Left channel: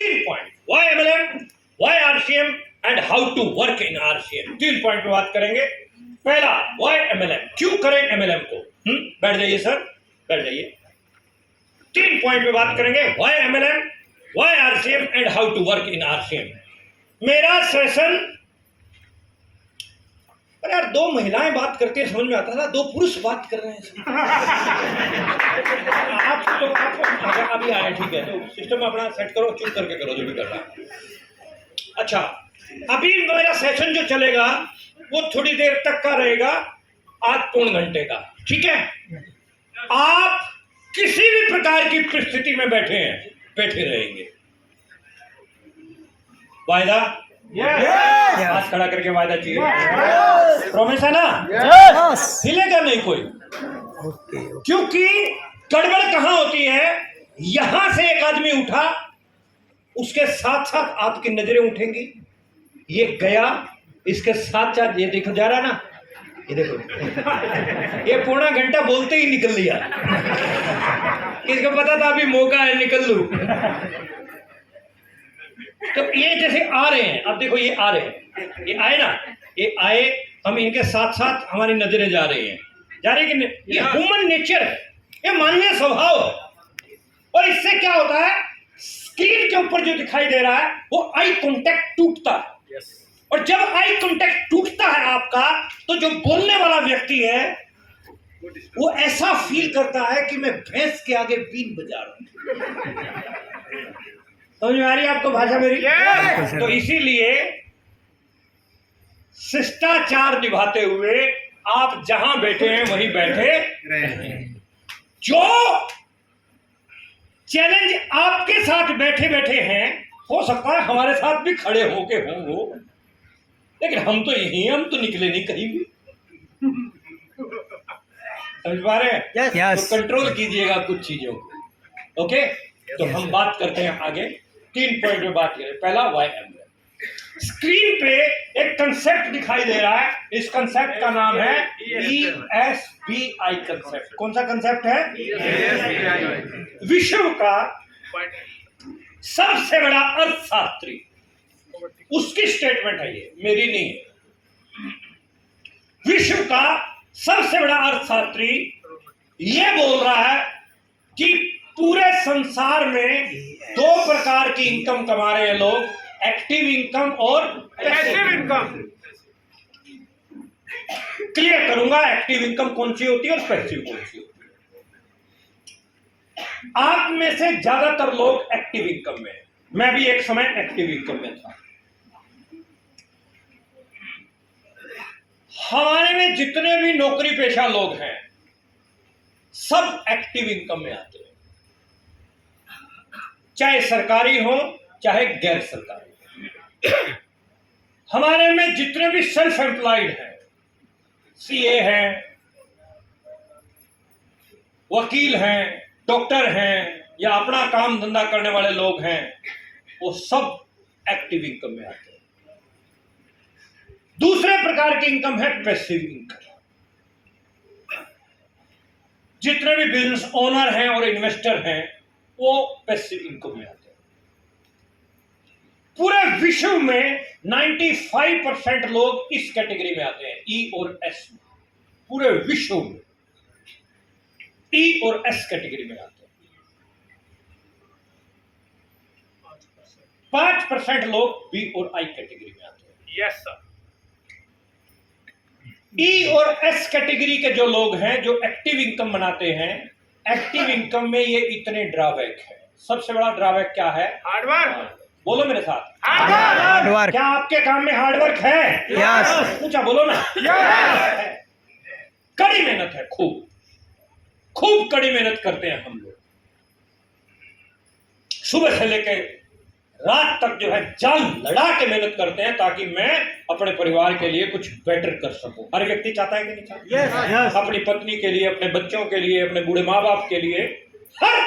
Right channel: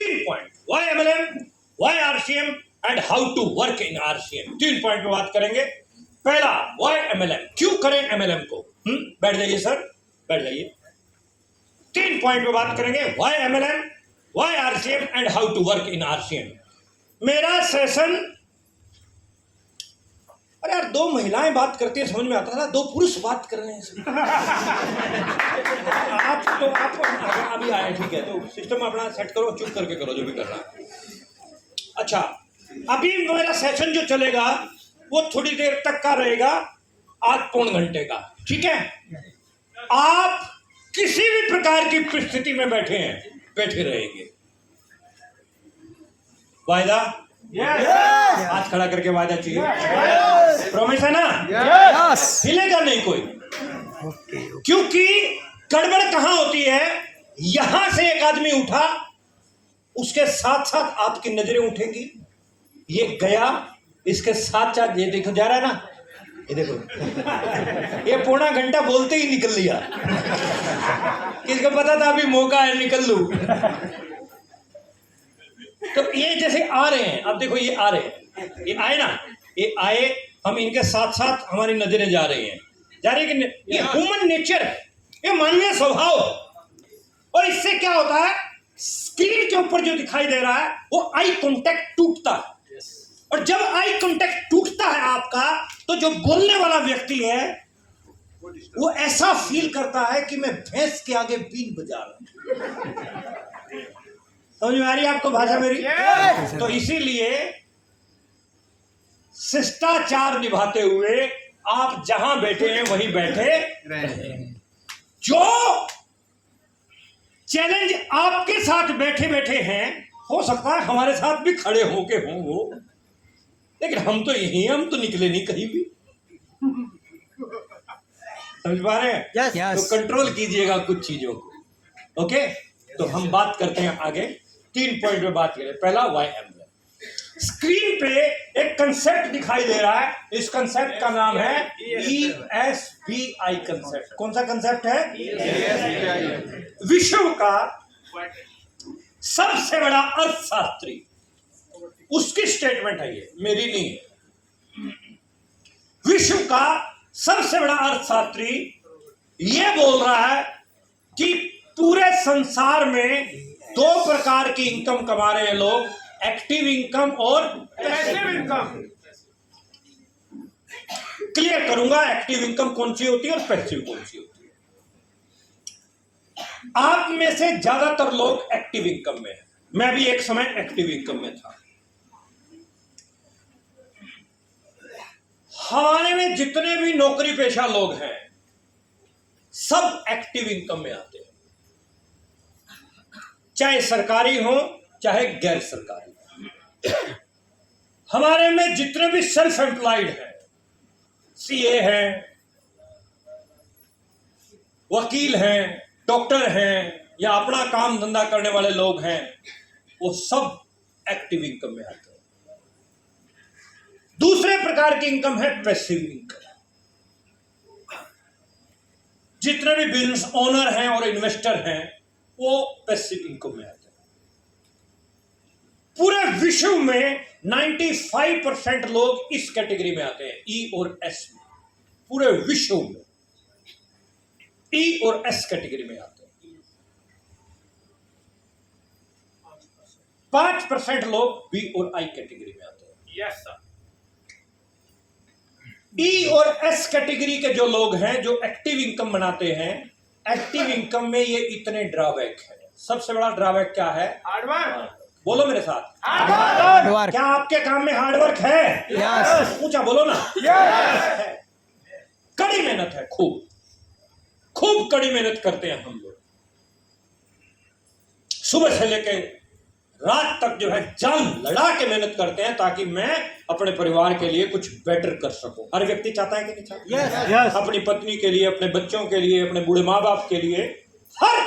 3 point, why MLM, why RCM and how to work in RCM. 3 point में बात करेंगे। पहला, व्हाई एमएलएम, क्यों करें एमएलएम को। बैठ जाइए सर, बैठ जाइए। 3 पॉइंट में बात करेंगे, why MLM, why RCM and how to work in RCM. मेरा सेशन, अरे यार 2 महिलाएं बात करती है समझ में आता था, 2 पुरुष बात कर रहे हैं। आप अभी आए, ठीक है, तो सिस्टम अपना सेट करो, चुप करके करो जो भी कर रहा है। अच्छा, अभी मेरा सेशन जो चलेगा वो थोड़ी देर तक का रहेगा, आज पौन घंटे का, ठीक है। आप किसी भी प्रकार की परिस्थिति में बैठे रहेंगे। वायदा? हाथ खड़ा करके वायदा चाहिए। प्रॉमिस है ना? हिलेगा नहीं कोई। क्योंकि गड़बड़ कहां होती है, यहां से एक आदमी उठा, उसके साथ साथ आपकी नजरें उठेंगी, ये गया, इसके साथ साथ ये देखो जा रहा ना, ये देखो ये पौना घंटा बोलते ही निकल लिया। किसको पता था अभी मौका है, निकल लूं। तो ये जैसे आ रहे हैं, अब देखो ये आ रहे हैं, ये आए ना, ये आए, हम इनके साथ साथ हमारी नजरें जा रही हैं, कि ये ह्यूमन नेचर है, ये मानवीय स्वभाव है। और इससे क्या होता है, स्क्रीन के ऊपर जो दिखाई दे रहा है वो आई कांटेक्ट टूटता है। और जब आई कांटेक्ट टूटता है आपका, तो जो बोलने वाला व्यक्ति है वो ऐसा फील करता है कि मैं भैंस के आगे बीन बजा रहा हूं। समझ में आ रही है आपको भाषा मेरी? तो इसीलिए शिष्टाचार निभाते हुए आप जहां बैठे हैं वहीं बैठे रहे। जो चैलेंज आपके साथ बैठे बैठे हैं, हो सकता है हमारे साथ भी खड़े होके हों वो, लेकिन हम तो यही, हम तो निकले नहीं कहीं भी। समझ पा रहे हैं? तो कंट्रोल कीजिएगा कुछ चीजों को। ओके, तो हम बात करते हैं आगे। 3 पॉइंट में बात करें। पहला, वाई एमएलएम। स्क्रीन पे एक कंसेप्ट दिखाई दे रहा है, इस कंसेप्ट का नाम है ESBI कंसेप्ट। कौन सा कंसेप्ट है? विश्व का सबसे बड़ा अर्थशास्त्री, उसकी स्टेटमेंट है ये, मेरी नहीं है। विश्व का सबसे बड़ा अर्थशास्त्री ये बोल रहा है कि पूरे संसार में 2 प्रकार की इनकम कमा रहे हैं लोग, एक्टिव इनकम और पैसिव इनकम। क्लियर करूंगा एक्टिव इनकम कौन सी होती है और पैसिव कौन सी होती है। आप में से ज्यादातर लोग एक्टिव इनकम में हैं, मैं भी एक समय एक्टिव इनकम में था। हमारे में जितने भी नौकरी पेशा लोग हैं सब एक्टिव इनकम में आते हैं, चाहे सरकारी हो चाहे गैर सरकारी। हमारे में जितने भी सेल्फ एम्प्लॉयड हैं, सीए हैं, वकील हैं, डॉक्टर हैं, या अपना काम धंधा करने वाले लोग हैं, वो सब एक्टिव इनकम में आते हैं। दूसरे प्रकार की इनकम है पैसिव इनकम। जितने भी बिजनेस ओनर हैं और इन्वेस्टर हैं वो पैसिव इनकम में आते हैं। पूरे विश्व में 95% लोग इस कैटेगरी में आते हैं, ई और एस में। पूरे विश्व में ई और एस कैटेगरी में आते हैं। 5% लोग बी और आई कैटेगरी में आते हैं। Yes sir. ई और एस कैटेगरी के जो लोग हैं जो एक्टिव इनकम बनाते हैं, एक्टिव इनकम में ये इतने ड्रॉबैक है। सबसे बड़ा ड्रॉबैक क्या है? हार्डवर्क। बोलो मेरे साथ, हार्डवर्क। क्या आपके काम में हार्डवर्क है? यस। पूछा, बोलो ना। यस। कड़ी मेहनत है, खूब कड़ी मेहनत करते हैं हम लोग। सुबह से लेकर रात तक जो है जान लड़ा के मेहनत करते हैं ताकि मैं अपने परिवार के लिए कुछ बेटर कर सकूं। हर व्यक्ति चाहता है कि नहीं चाहता? yes. अपनी पत्नी के लिए, अपने बच्चों के लिए, अपने बूढ़े माँ बाप के लिए हर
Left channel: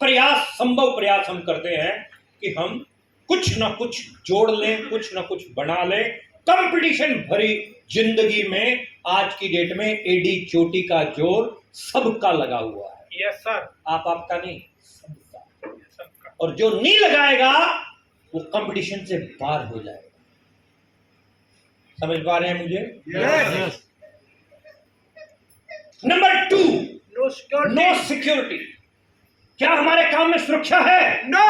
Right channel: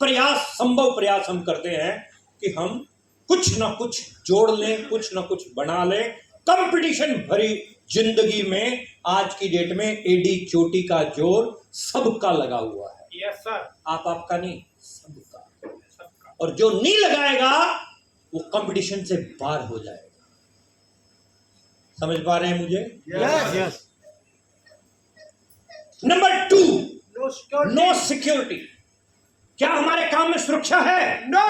प्रयास, संभव प्रयास हम करते हैं कि हम कुछ ना कुछ जोड़ लें, कुछ ना कुछ बना लें। कंपटीशन भरी जिंदगी में आज की डेट में एडी चोटी का जोर सबका लगा हुआ है। Yes sir. आपका नहीं, सबका। और जो नहीं लगाएगा वो कंपटीशन से बाहर हो जाएगा। समझ पा रहे हैं मुझे? Yes. Number 2, No security. No security. क्या हमारे काम में सुरक्षा है? No.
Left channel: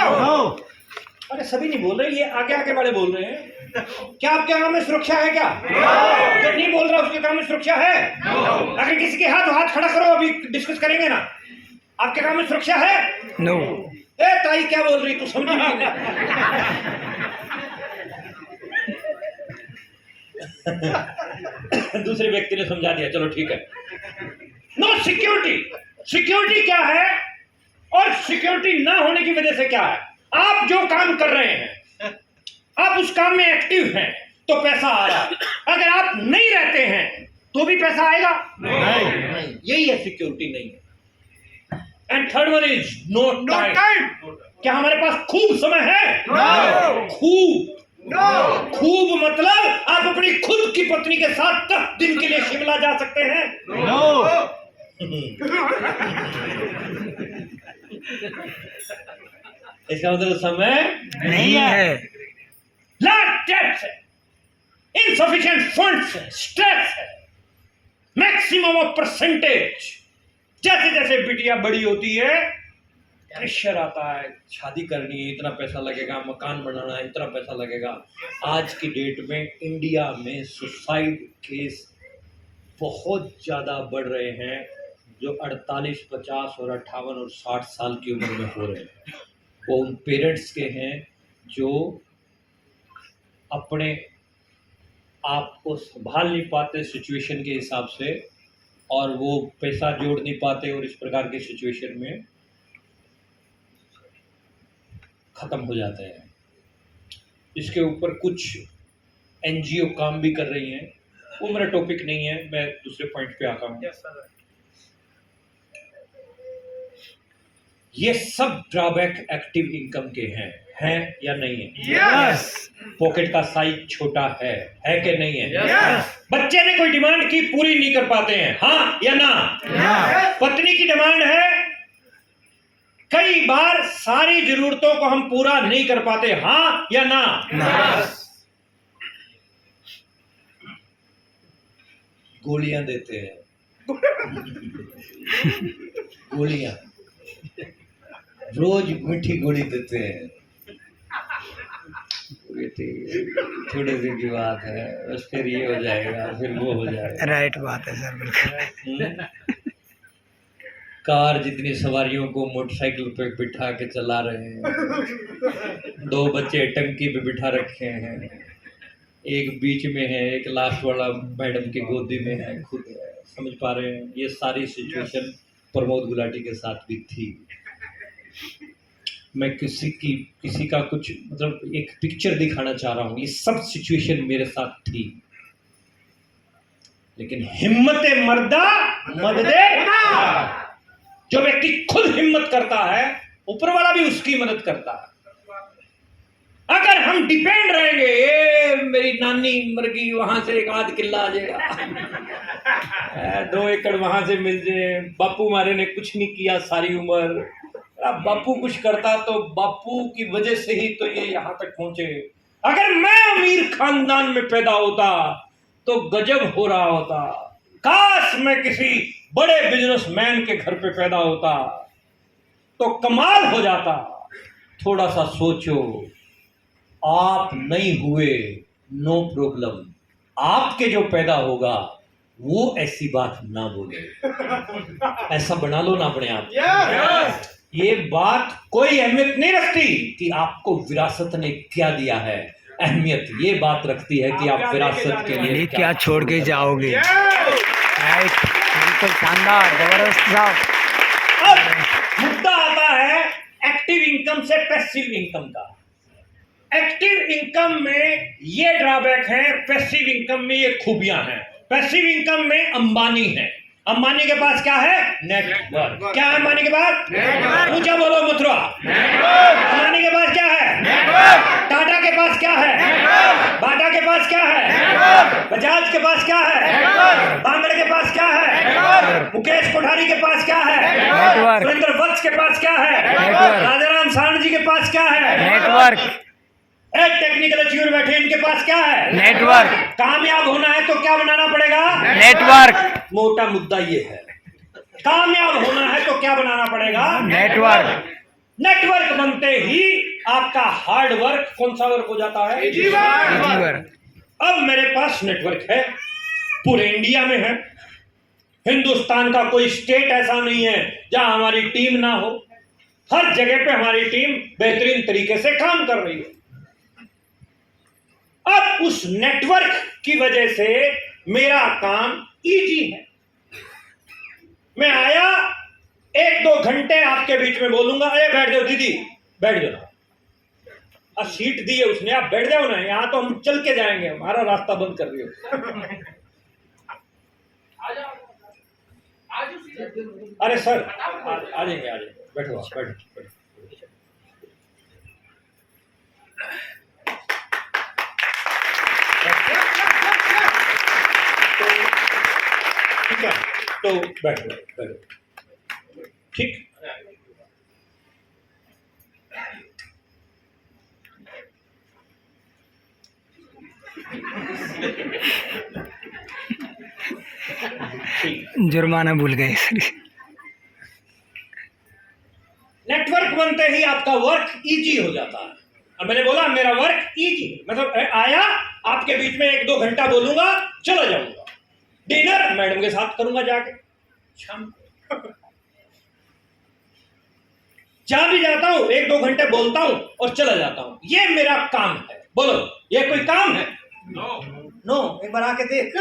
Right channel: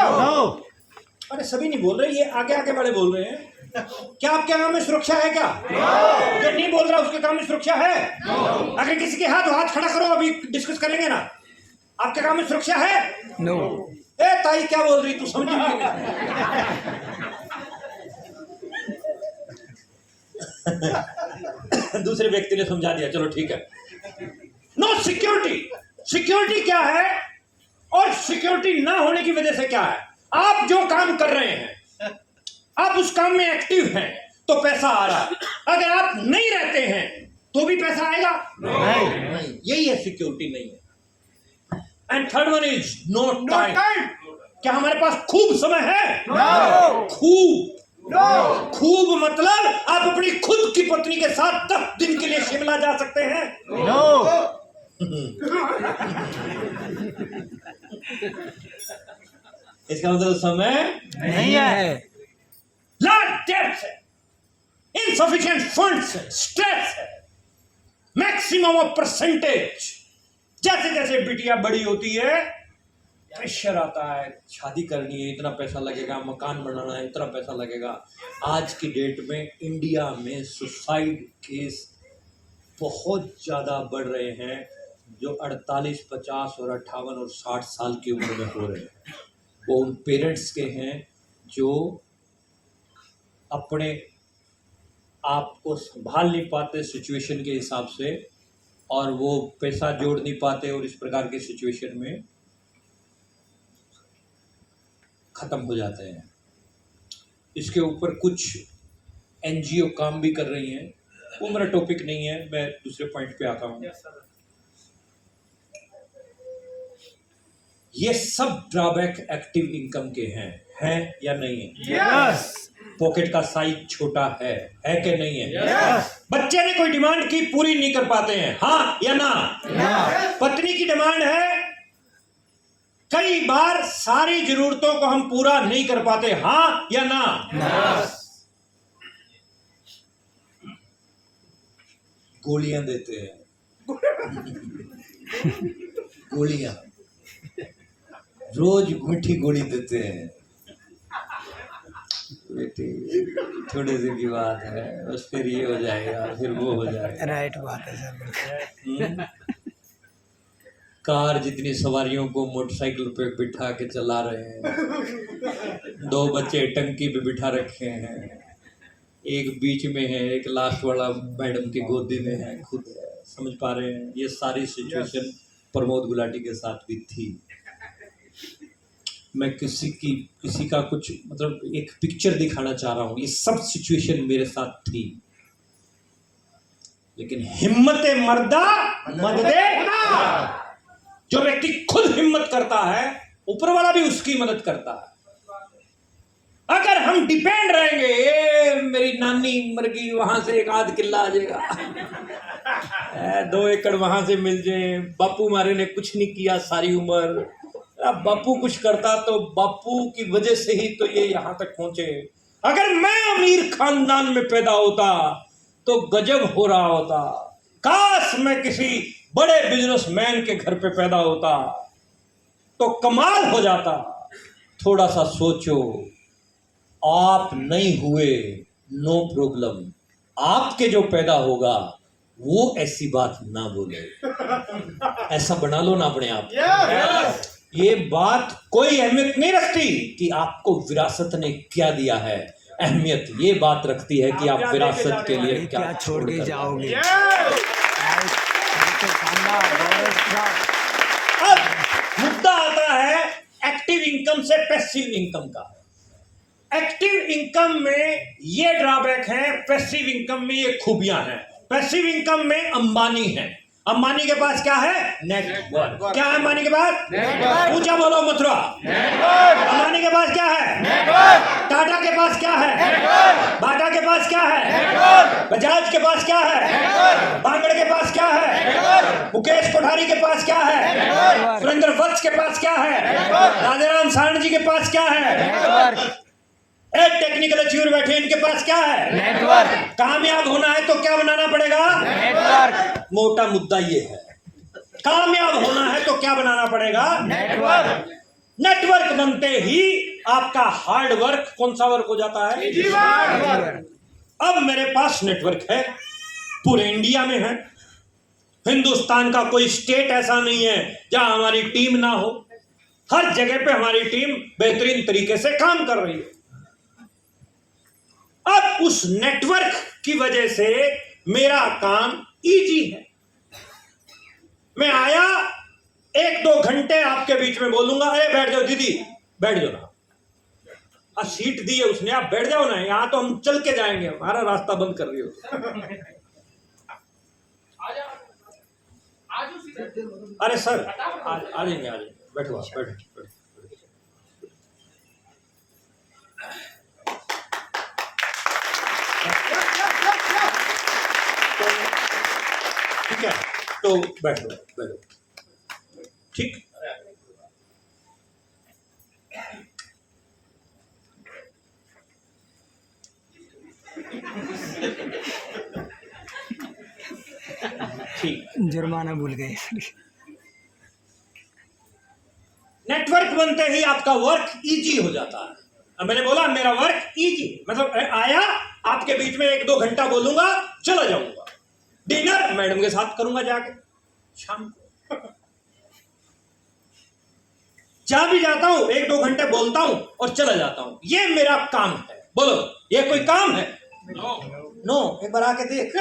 अरे सभी नहीं बोल रहे, ये आगे आगे वाले बोल रहे हैं। क्या आपके काम में सुरक्षा है? क्या जो नहीं बोल रहा उसके काम में सुरक्षा है? अगर किसी के हाथ खड़ा करो, अभी डिस्कस करेंगे ना। आपके काम में सुरक्षा है? नो। ए ताई क्या बोल रही, तू समझी नहीं? दूसरे व्यक्ति ने समझा दिया, चलो ठीक है। No security. सिक्योरिटी क्या है और सिक्योरिटी ना होने की वजह से क्या है? आप जो काम कर रहे हैं, आप उस काम में एक्टिव हैं तो पैसा आ रहा है। अगर आप नहीं रहते हैं तो भी पैसा आएगा? नहीं। यही है सिक्योरिटी नहीं है। And third one is no time. क्या हमारे पास खूब समय है? खूब मतलब आप अपनी खुद की पत्नी के साथ 10 दिन के लिए शिमला जा सकते हैं? इसका मतलब समय नहीं है। लार्ज डेब्ट्स है, इनसफिशिएंट फंड्स है, स्ट्रेस है, मैक्सिमम ऑफ परसेंटेज। जैसे जैसे बिटिया बड़ी होती है प्रेशर आता है, शादी करनी है, इतना पैसा लगेगा, मकान बनाना है, इतना पैसा लगेगा। आज की डेट में इंडिया में सुसाइड केस बहुत ज़्यादा बढ़ रहे हैं, जो 48, 50 और 58 और 60 साल की उम्र में हो रहे हैं। वो उन पेरेंट्स के हैं जो अपने आप को संभाल नहीं पाते सिचुएशन के हिसाब से, और वो पैसा जोड़ नहीं पाते, और इस प्रकार की सिचुएशन में ख़त्म हो जाते हैं। इसके ऊपर कुछ एनजीओ काम भी कर रही हैं, वो मेरा टॉपिक नहीं है, मैं दूसरे पॉइंट पे आता हूँ। ये सब ड्रॉबैक एक्टिव इनकम के हैं या नहीं है? Yes. पॉकेट का साइज छोटा है कि नहीं है? Yes. बच्चे ने कोई डिमांड की, पूरी नहीं कर पाते हैं, हाँ या ना? Yes. पत्नी की डिमांड है, कई बार सारी जरूरतों को हम पूरा नहीं कर पाते, हाँ या ना? Yes. गोलियां देते हैं, गोलियां रोज मीठी गोली देते हैं। बेटी थोड़ी देर की बात है, बस फिर ये हो जाएगा, फिर वो हो जाएगा। राइट बात है सर, बिल्कुल। कार जितनी सवारियों को मोटरसाइकिल पे बिठा के चला रहे हैं, 2 बच्चे टंकी पे बिठा रखे हैं, एक बीच में है, एक लास्ट वाला मैडम की गोदी में है, खुद है। समझ पा रहे हैं? ये सारी सिचुएशन प्रमोद गुलाटी के साथ भी थी। मैं किसी का कुछ मतलब एक पिक्चर दिखाना चाह रहा हूँ, ये सब सिचुएशन मेरे साथ थी, लेकिन हिम्मते मर्दा मददे खुदा। जो व्यक्ति खुद हिम्मत करता है, ऊपर वाला भी उसकी मदद करता है। अगर हम डिपेंड रहेंगे, ये मेरी नानी मर गई, वहां से एक आध किला आ जाएगा, 2 एकड़ वहां से मिल जाए, बापू हमारे ने कुछ नहीं किया सारी उम्र, बापू कुछ करता तो बापू की वजह से ही तो ये यहाँ तक पहुंचे। अगर मैं अमीर खानदान में पैदा होता तो गजब हो रहा होता। काश मैं किसी बड़े बिजनेसमैन के घर पे पैदा होता तो कमाल हो जाता। थोड़ा सा सोचो, आप नहीं हुए, नो प्रॉब्लम, आपके जो पैदा होगा वो ऐसी बात ना बोले। ऐसा बना लो ना अपने आप। Yes. ये बात कोई अहमियत नहीं रखती कि आपको विरासत ने क्या दिया है, अहमियत ये बात रखती है कि आप विरासत के लिए क्या छोड़ के जाओगे। Yes. राइट, बिल्कुल शानदार, जबरदस्त साहब। अब मुद्दा आता है एक्टिव इनकम से पैसिव इनकम का। एक्टिव इनकम में ये ड्रॉबैक है, पैसिव इनकम में ये खूबियां हैं। पैसिव इनकम में अंबानी है, अंबानी के पास क्या है? नेटवर्क। क्या है अंबानी के पास? नेटवर्क। ऊंचा बोलो मथुरा। Network. अंबानी के पास क्या है? Network. टाटा के पास क्या है? Network. बाटा के पास क्या है? Network. बजाज के पास क्या है? Network. बांगड़ के पास क्या है? Network. मुकेश कोठारी के पास क्या है? नेटवर्क। सुरेंद्र वत्स के पास क्या है? Network. राजाराम सारण जी के पास क्या है? नेटवर्क। टेक्निकल अचीवर बैठे हैं, इनके पास क्या है? नेटवर्क। कामयाब होना है तो क्या बनाना पड़ेगा? नेटवर्क। मोटा मुद्दा ये है, कामयाब होना है तो क्या बनाना पड़ेगा? नेटवर्क। नेटवर्क बनते ही आपका हार्ड वर्क कौन सा वर्क हो जाता है? नेटवर्क। अब मेरे पास नेटवर्क है, पूरे इंडिया में है, हिंदुस्तान का कोई स्टेट ऐसा नहीं है जहां हमारी टीम ना हो, हर जगह पे हमारी टीम बेहतरीन तरीके से काम कर रही है। अब उस नेटवर्क की वजह से मेरा काम इजी है। मैं आया, 1-2 घंटे आपके बीच में बोलूंगा, अरे बैठ जाओ दीदी, बैठ जाओ ना, सीट दी है उसने, आप बैठ जाओ ना, यहां तो हम चल के जाएंगे, हमारा रास्ता बंद कर रही हो। अरे सर आ जाएंगे, बैठो आप, बैठो। ठीक है, तो बैठो। ठीक, जुर्माना भूल गए। नेटवर्क बनते ही आपका वर्क इजी हो जाता है। अब मैंने बोला मेरा वर्क इजी, मतलब आया, आपके बीच में 1-2 घंटा बोलूंगा, चला जाऊंगा। डिनर मैडम के साथ करूंगा जाके शाम को। जा भी जाता हूं, 1-2 घंटे बोलता हूं और चला जाता हूं। ये मेरा काम है। बोलो, ये कोई काम है? नो, एक बार आके देख।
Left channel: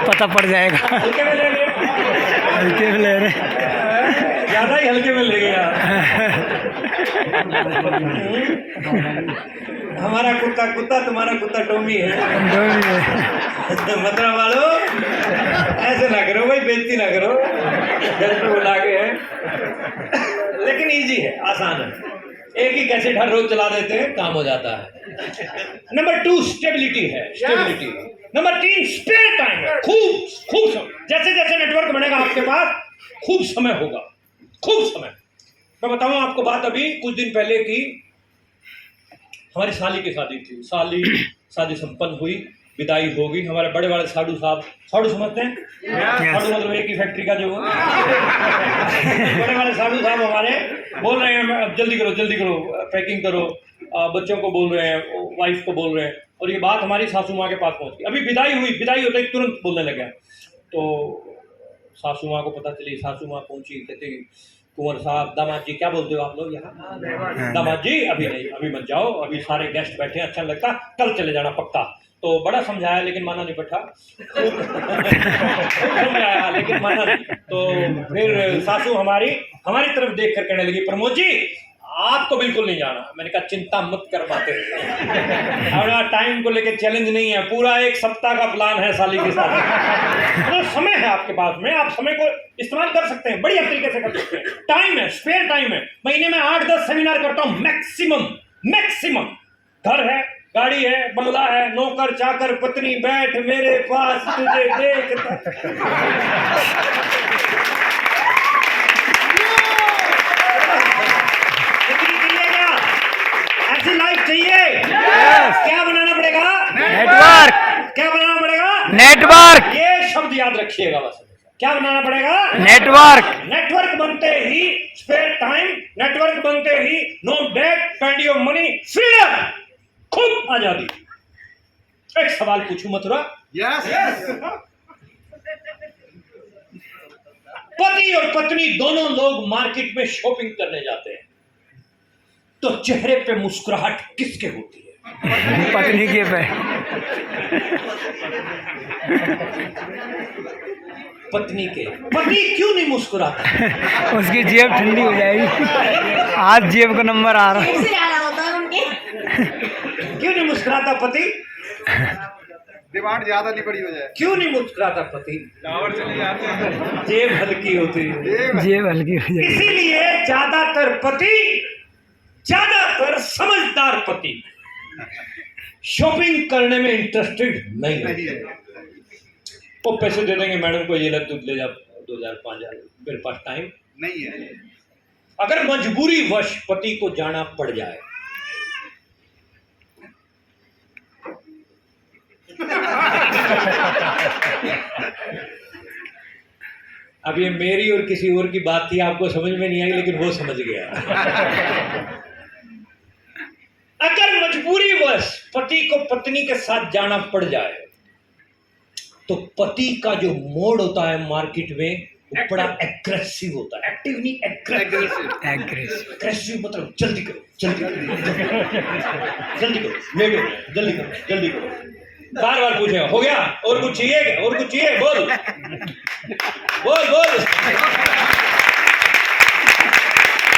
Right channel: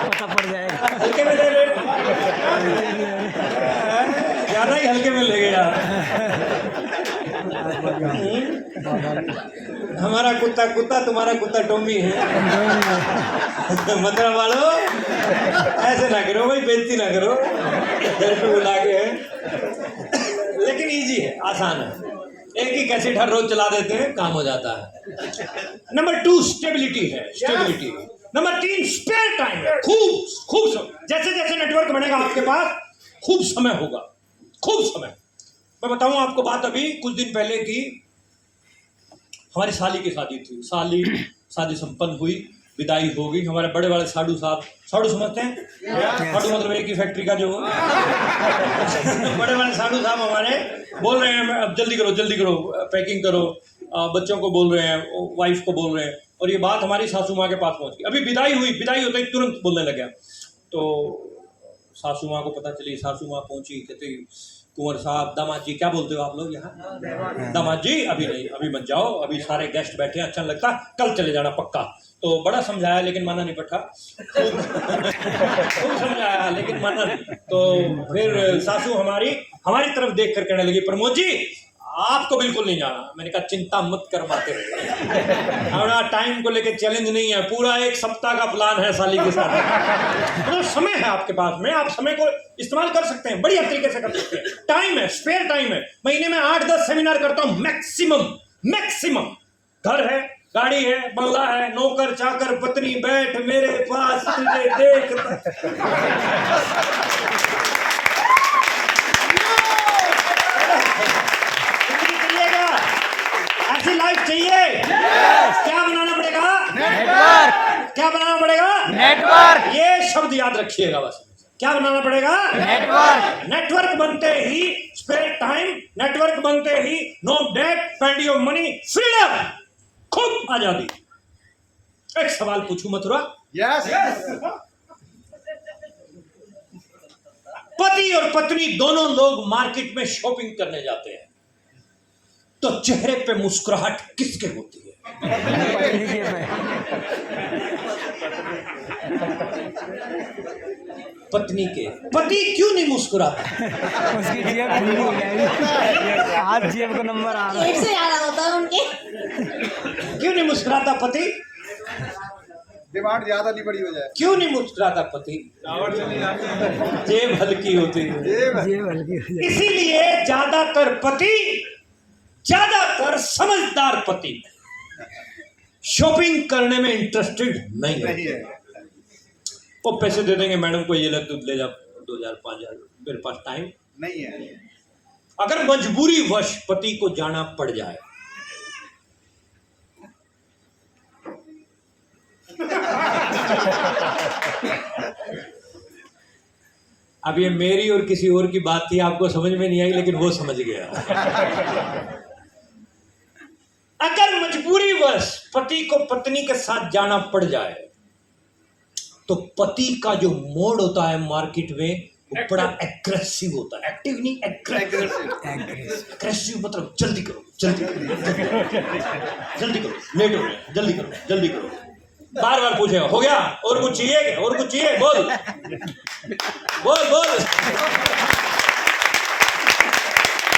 पता पड़ जाएगा। हल्के में ले ले, हल्के में ले रहे। ज्यादा ही हल्के में ले गया। हमारा कुत्ता तुम्हारा कुत्ता टॉमी है। मतलब वालों, ऐसे ना करो भाई, बेइज्जती ना करो, घर पे बुला के है। लेकिन इजी है, आसान है, एक ही कैसेट हर रोज चला देते हैं, काम हो जाता है। नंबर 2 स्टेबिलिटी है, स्टेबिलिटी। नंबर 3 स्पेयर टाइम है, खूब समय। जैसे जैसे नेटवर्क बनेगा आपके पास, खूब समय होगा, खूब समय। मैं बताऊं आपको बात, अभी कुछ दिन पहले की हमारी साली की शादी थी। शादी संपन्न हुई, विदाई हो गई। हमारे बड़े बड़े साधु साहब, साधु समझते हैं? साधु मतलब एक ही फैक्ट्री का जो बड़े बड़े साधु साहब हमारे बोल रहे हैं, अब जल्दी करो, पैकिंग करो, बच्चों को बोल रहे हैं, वाइफ को बोल रहे हैं। और ये बात हमारी सासू माँ के पास पहुंच गई। अभी विदाई होते ही तुरंत बोलने लगा। तो सासू माँ को पता चली, सासू माँ पहुंची, कहते कुंवर साहब, दामाद जी, क्या बोलते हो आप लोग यहाँ? दामाद जी अभी नहीं, अभी मत जाओ, अभी सारे गेस्ट बैठे हैं, अच्छा नहीं लगता, कल चले जाना पक्का। तो बड़ा समझाया लेकिन माना नहीं पट्टा। खूब समझाया लेकिन माना नहीं। तो फिर सासू हमारी तरफ देख कर कहने लगी, प्रमोद जी आपको बिल्कुल नहीं जाना। मैंने कहा चिंता मत कर पाते, हमारा टाइम को लेके चैलेंज नहीं है, पूरा 1 सप्ताह का प्लान है साली के साथ। तो समय है आपके पास में, आप समय को इस्तेमाल कर सकते हैं, बढ़िया तरीके से कर सकते हैं। टाइम है, स्पेयर टाइम है। महीने में 8-10 सेमिनार करता हूँ मैक्सिमम। घर है, गाड़ी है, बंगला है, नौकर चाकर, पत्नी, बैठ मेरे पास तुझे देखता। ऐसी लाइफ चाहिए? क्या बनाना पड़ेगा? नेटवर्क। क्या बनाना पड़ेगा? नेटवर्क। ये शब्द याद रखिएगा बस। क्या बनाना पड़ेगा? नेटवर्क। नेटवर्क बनते ही स्पेयर टाइम, नेटवर्क बनते ही no debt, plenty of money, freedom, खूब आजादी। एक सवाल पूछूं मथुरा? यस। पति और पत्नी दोनों लोग मार्केट में शॉपिंग करने जाते हैं, तो चेहरे पे मुस्कुराहट किसके होती है? पत्नी के पे। पत्नी के। पति क्यों नहीं मुस्कुराता? उसकी जेब ठंडी हो जाएगी, आज जेब का नंबर आ रहा है। से ज्यादा होता है उनके। क्यों नहीं मुस्कुराता पति? डिमांड ज्यादा नहीं बड़ी हो जाए। क्यों नहीं मुस्कुराता पति? जेब हल्की होती है। जेब हल्की हो जाएगी। इसीलिए ज्यादातर समझदार पति शॉपिंग करने में इंटरेस्टेड नहीं है। वो पैसे दे देंगे, मैडम को ये ले जा 2000-5000, मेरे पास टाइम नहीं है। अगर मजबूरी वश पति को जाना पड़ जाए अब ये मेरी और किसी और की बात थी, आपको समझ में नहीं आई, लेकिन वो समझ गया। अगर मजबूरीवश पति को पत्नी के साथ जाना पड़ जाए तो पति का जो मोड होता है मार्केट में वो बड़ा एग्रेसिव होता है। एक्टिव नहीं, एग्रेसिव मतलब जल्दी करो, जल्दी करो, जल्दी करो, लेट हो गया, जल्दी करो, जल्दी करो। बार बार पूछेगा, हो गया, और कुछ चाहिए क्या, और कुछ चाहिए, बोल बोल बोल,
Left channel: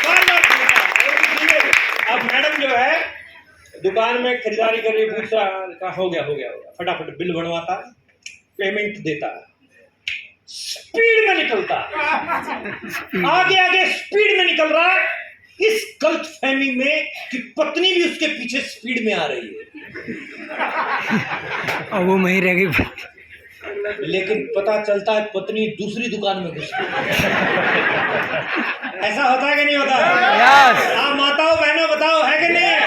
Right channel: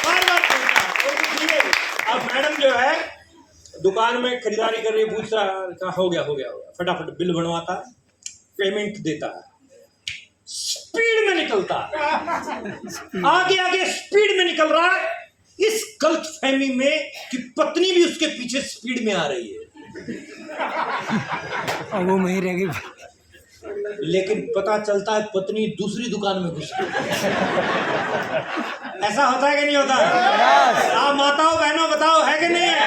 बार बार पूछना, और कुछ चाहिए। अब मैडम जो है दुकान में खरीदारी कर रही, पूछ रहा, हो गया हो गया हो गया, फटाफट बिल बनवाता, पेमेंट देता, स्पीड में निकलता, आगे आगे स्पीड में निकल रहा है, इस गलत फहमी में कि पत्नी भी उसके पीछे स्पीड में आ रही है, और वो वहीं रह गई। लेकिन पता चलता है पत्नी दूसरी दुकान में घुस गई। ऐसा होता है कि नहीं होता? हाँ, माताओं बहनों बताओ, है कि नहीं है?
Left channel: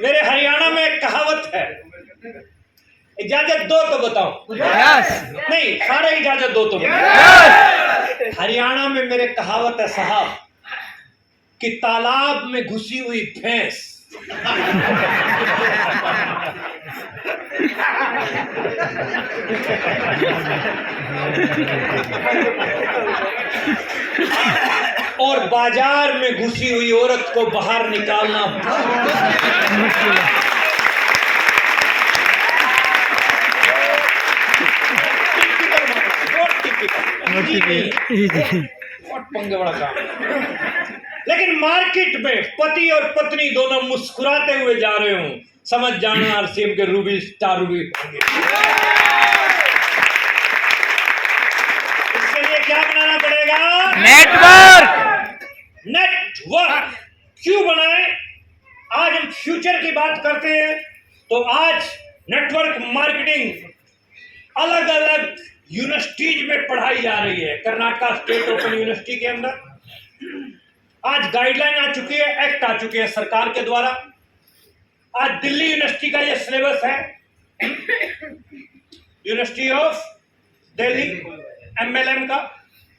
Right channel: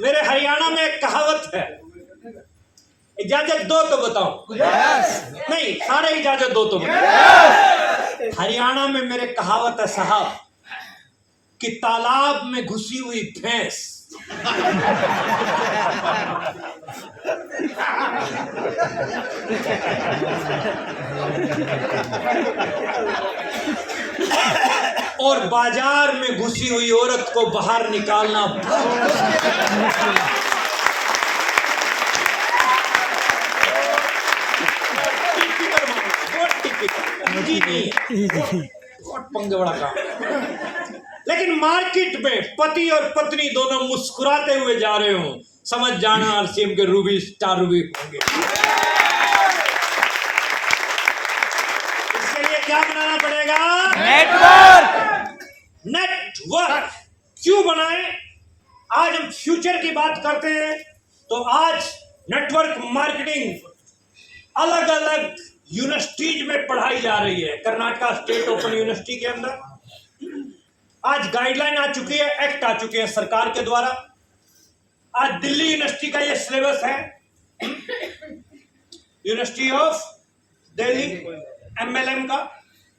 मेरे हरियाणा में एक कहावत है, इजाजत दो तो बताओ। नहीं, सारे इजाजत दो तो बताओ। हरियाणा में मेरे कहावत है साहब कि तालाब में घुसी हुई भैंस और बाजार में घुसी हुई औरत को बाहर निकालना मुश्किल है। बहुत पंगे बड़ा काम है। लेकिन मार्केट में पति और पत्नी दोनों मुस्कुराते हुए जा रहे हो, समझ जाना आरसीएम के रूबी स्टार रूबी होंगे। इसके लिए क्या बनाना पड़ेगा? नेटवर्क क्यों बनाए? आज हम फ्यूचर की बात करते हैं, तो आज नेटवर्क मार्केटिंग अलग अलग यूनिवर्सिटीज में पढ़ाई जा रही है। कर्नाटका स्टेट ओपन यूनिवर्सिटी के अंदर आज गाइडलाइन आ चुकी है, एक्ट आ चुके हैं सरकार के द्वारा। आज दिल्ली यूनिवर्सिटी का ये सिलेबस है, यूनिवर्सिटी ऑफ दिल्ली एमएलएम का,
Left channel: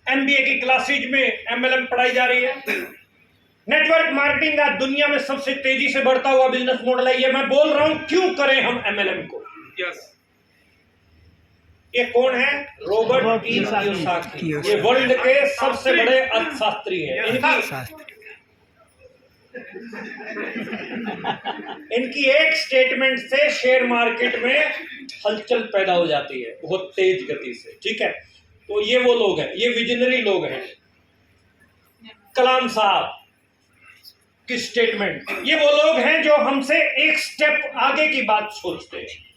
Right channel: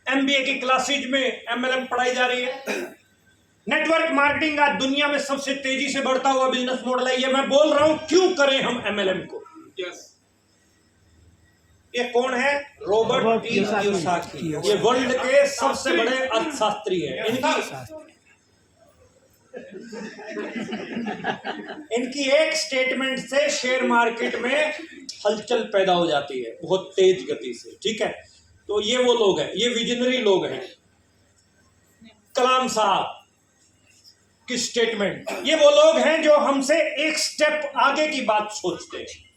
एमबीए की क्लासेज में एमएलएम पढ़ाई जा रही है। नेटवर्क मार्केटिंग का दुनिया में सबसे तेजी से बढ़ता हुआ बिजनेस मॉडल है। ये मैं बोल रहा हूं, क्यों करें हम एमएलएम को? ये कौन है? Robert T Kiyosaki. ये वर्ल्ड के सबसे बड़े अर्थशास्त्री हैं। इनकी एक स्टेटमेंट से शेयर मार्केट में हलचल पैदा हो जाती है बहुत तेज गति से। ठीक है, तो ये वो लोग हैं, ये विजनरी लोग हैं। कलाम साहब की स्टेटमेंट, ये वो लोग हैं जो हमसे एक स्टेप आगे की बात सोचते हैं।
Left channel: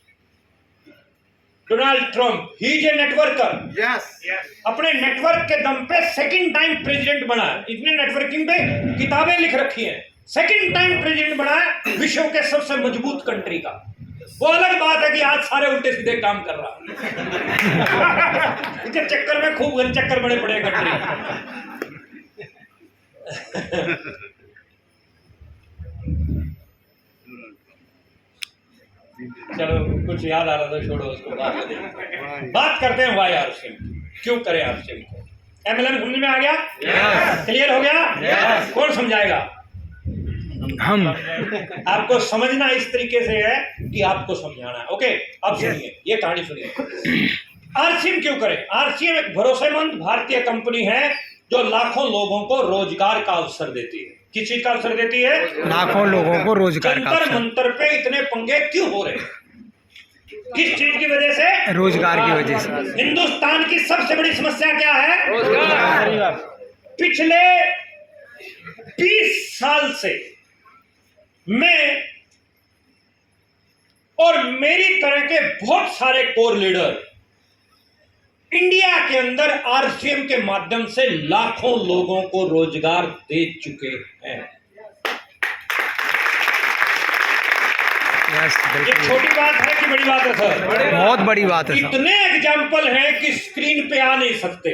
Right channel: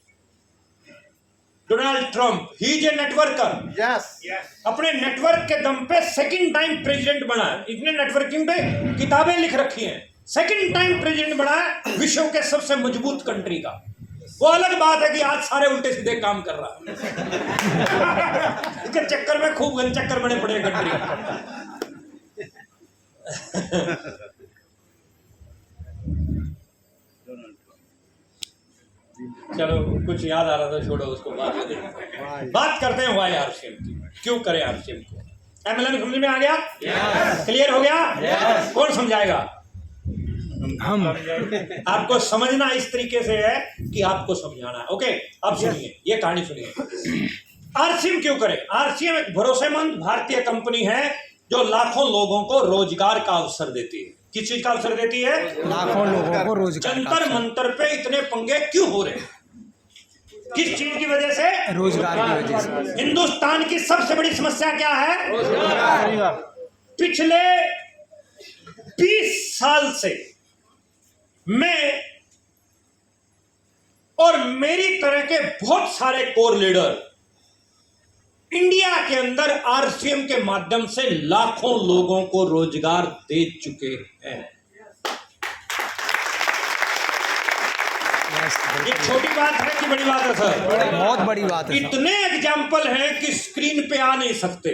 Donald Trump, he is a networker. अपने नेटवर्क के दम पे सेकंड टाइम प्रेसिडेंट बना है। इसने नेटवर्किंग पे किताबें लिख रखी हैं। सेकंड टाइम प्रेसिडेंट बना है विश्व के सबसे मजबूत कंट्री का। वो अलग बात है कि आज सारे उल्टे सीधे काम कर रहा है। इसके चक्कर में खूब गन चक्कर बड़े पड़े कंट्री। चलो, कुछ याद आ रहा था, छोड़ो उसको, बात करते हैं वाई आरसीएम की। क्यों करें आरसीएम को? एमएलएम समझ में आ गया? क्लियर हो गया? कौन समझाएगा? हम। आपको समझना इस तरीके से है कि आपको समझाना है। ओके, अब सुनिए, ये कहानी सुनिए। आरसीएम क्यों करें? आरसीएम एक भरोसेमंद भारतीय कंपनी है जो लाखों लोगों को रोजगार का अवसर देती है। किस चीज का अवसर देती है? लाखों लोगों को रोजगार का जंतर मंतर पे इतने पंगे क्यों हो रहे? किस चीज की वजह से? रोजगार की वजह से। हिंदुस्तान की सबसे बड़ी समस्या क्या है? रोजगार। पिछले 20 साल से मैं और मेरी तरह के बहुत सारे कोर लीडर इंडिया के अंदर आरसीएम के माध्यम से लाखों लोगों को रोजगार दे चुके हैं। ये छोटी बात है कि बड़ी बात है सर? बहुत बड़ी बात है। इतने एग्जाम्पल हैं कि स्क्रीन पे आ नहीं सकते।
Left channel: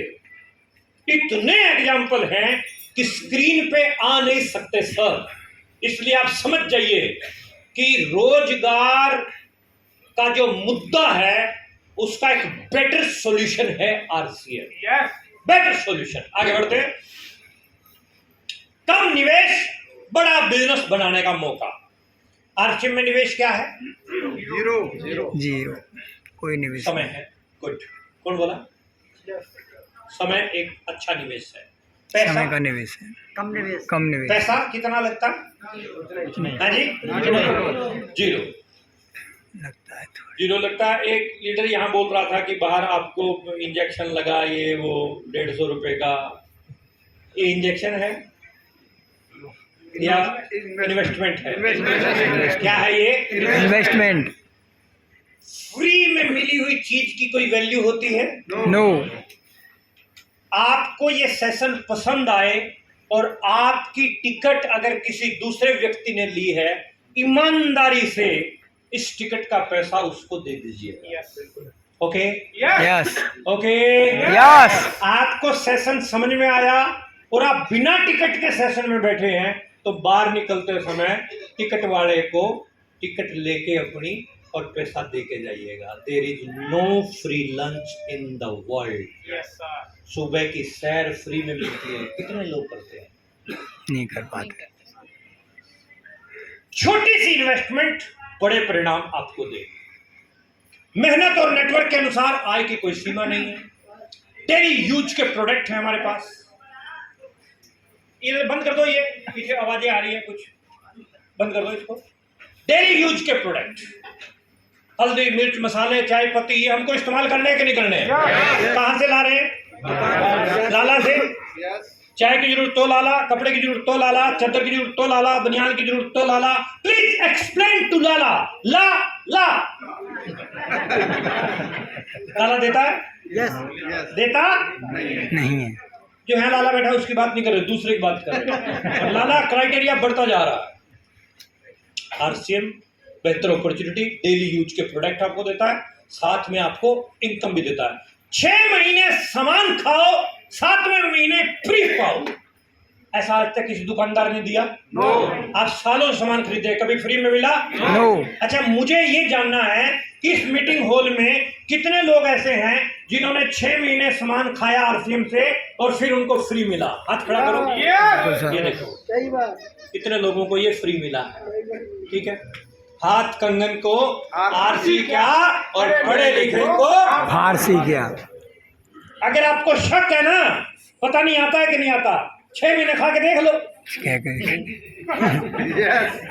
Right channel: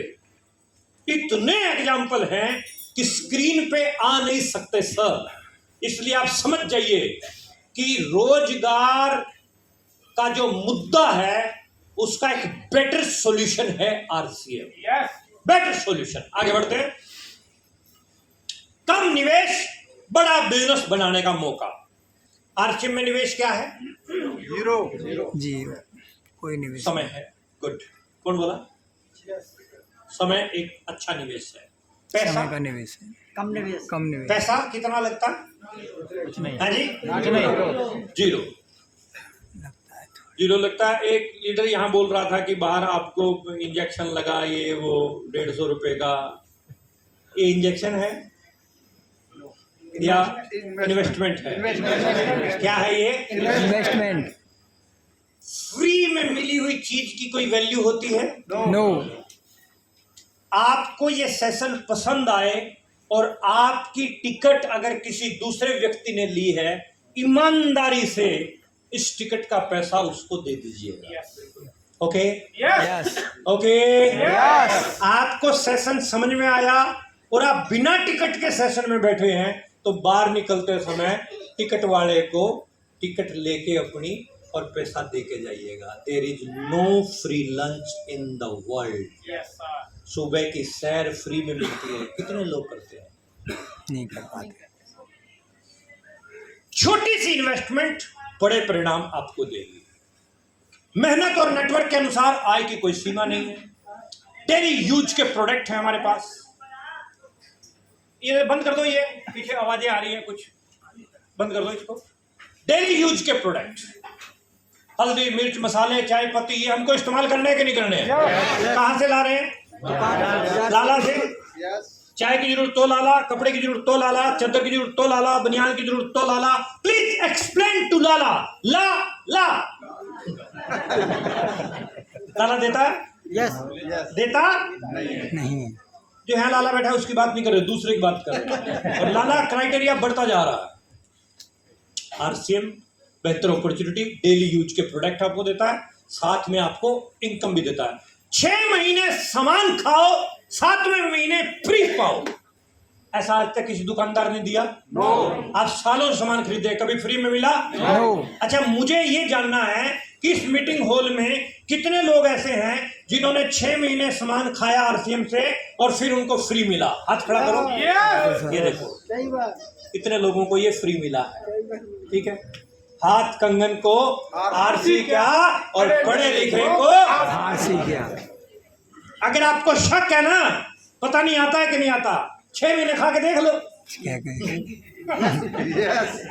इतने एग्जाम्पल हैं कि स्क्रीन पे आ नहीं सकते सर। इसलिए आप समझ जाइए कि रोजगार का जो मुद्दा है उसका एक बेटर सॉल्यूशन है आरसीएम। Better solution. आगे बढ़ते हैं। कम निवेश, बड़ा बिजनेस बनाने का मौका। आरसीएम में निवेश क्या है? जीरो, कोई निवेश समय है। गुड। कौन बोला? समय एक अच्छा निवेश है। पैसा, समय का निवेश है, कम निवेश। पैसा कितना लगता है? हाँ जी, जीरो लगता है थोड़ा। जीरो लगता है। एक लीडर यहाँ बोल रहा था कि बाहर आपको इंजेक्शन लगा, ये वो 150 रुपए का। ये इंजेक्शन है या इन्वेस्टमेंट है? क्या है ये? इन्वेस्टमेंट। फ्री में मिली हुई चीज की कोई वैल्यू होती है? नो। आपको ये सेशन पसंद आए और आपकी टिकट अगर किसी दूसरे व्यक्ति ने ली है, ईमानदारी से इस टिकट का पैसा उसको दे दीजिएगा। ओके? यस। ओके? यस। आपको सेशन समझ में आया और आप बिना टिकट के सेशन में बैठे हैं, तो बाहर निकलते समय टिकट वाले को टिकट लेके अपनी और पैसा दे के जाइएगा। There is no free lunch in the world. सुबह की सैर फ्री में मिलती है, कितने लोग करते हैं? नहीं कर पाते। छोटी सी इन्वेस्टमेंट बड़े परिणाम आपको देगी। मेहनत और नेटवर्क के अनुसार आय की कोई सीमा नहीं है। डेली यूज के प्रोडक्ट हैं हमारे पास। ये बंद कर दो, ये पीछे आवाजें आ रही है कुछ, बंद कर दो इसको। डेली यूज के प्रोडक्ट, हल्दी, मिर्च, मसाले, चाय पत्ती, ये हमको इस्तेमाल करने के नहीं करने। कहां से ला रहे हैं? लाला से। चाय की जरूरत तो लाला, कपड़े की जरूरत तो लाला, चादर की जरूरत तो लाला, बनियान की जरूरत तो लाला। प्लीज एक्सप्लेन टू लाला। ला ला लाला देता है? यस। देता नहीं है। जो है लाला बैठा उसकी बात नहीं कर रहे, दूसरे की बात कर रहे हैं। लाला क्राइटेरिया बढ़ता जा रहा है। आरसीएम बेहतर अपॉर्चुनिटी, डेली यूज के प्रोडक्ट आपको देता है, साथ में आपको इनकम भी देता है। 6 महीने सामान खाओ, 7वें महीने फ्री पाओ। ऐसा आज तक किसी दुकानदार ने दिया? नो। आप सालों सामान खरीदे, कभी फ्री में मिला? नो। अच्छा, मुझे ये जानना है कि इस मीटिंग हॉल में कितने लोग ऐसे हैं जिन्होंने 6 महीने सामान खाया आरसीएम से और फिर उनको फ्री मिला? हाथ खड़ा करो। ये देखो, सही बात। कितने लोगों को ये फ्री मिला है। ठीक है, हाथ कंगन को आरसी क्या और पढ़े लिखे को फारसी क्या। अगर आपको शक है ना, पता नहीं आता है कि नहीं आता, 6 महीने खा के देख लो, क्या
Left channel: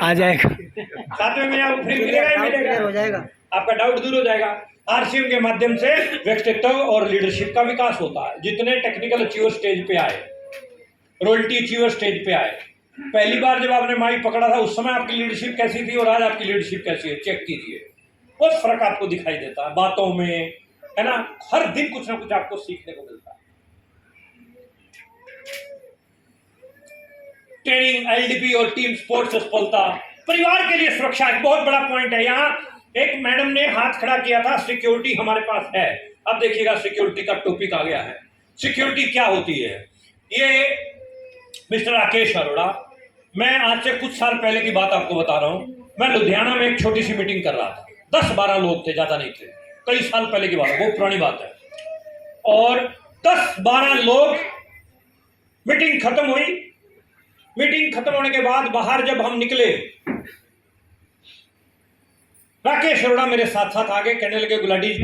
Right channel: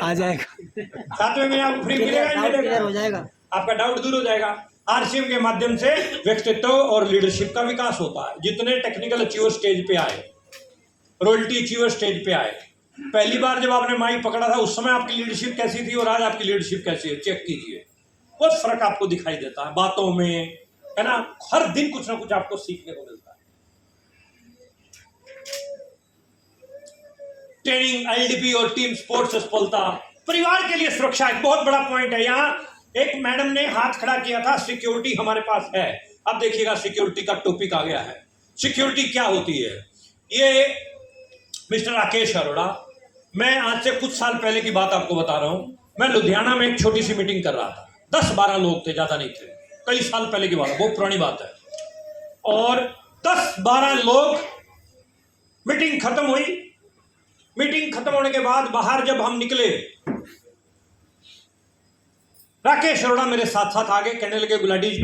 आ जाएगा। 7वें महीने आपको फ्री मिलेगा ही मिलेगा, हो जाएगा। आपका डाउट दूर हो जाएगा। आरसीएम के माध्यम से व्यक्तित्व और लीडरशिप का विकास होता है। जितने टेक्निकल अचीवर स्टेज पे आए, रॉयल्टी अचीवर स्टेज पे आए, पहली बार जब आपने माइक पकड़ा था उस समय आपकी लीडरशिप कैसी थी और आज आपकी लीडरशिप कैसी है, चेक कीजिए। बहुत फर्क आपको दिखाई देता है बातों में, है ना। हर दिन कुछ ना कुछ आपको सीखने को मिलता है। ट्रेनिंग, एलडीपी और टीम स्पोर्ट्स सफलता, परिवार के लिए सुरक्षा एक बहुत बड़ा पॉइंट है। यहाँ एक मैडम ने हाथ खड़ा किया था, सिक्योरिटी हमारे पास है। अब देखिएगा, सिक्योरिटी का टॉपिक आ गया है। सिक्योरिटी क्या होती है? ये मिस्टर राकेश अरोड़ा, मैं आज से कुछ साल पहले की बात आपको बता रहा हूं। मैं लुधियाना में एक छोटी सी मीटिंग कर रहा था, 10-12 लोग थे, ज्यादा नहीं थे, कई साल पहले की बात, बहुत पुरानी बात है। और 10-12 लोग, मीटिंग खत्म हुई। मीटिंग खत्म होने के बाद बाहर जब हम निकले, राकेश अरोड़ा मेरे साथ साथ आगे, कहने लगे, गुलाटी जी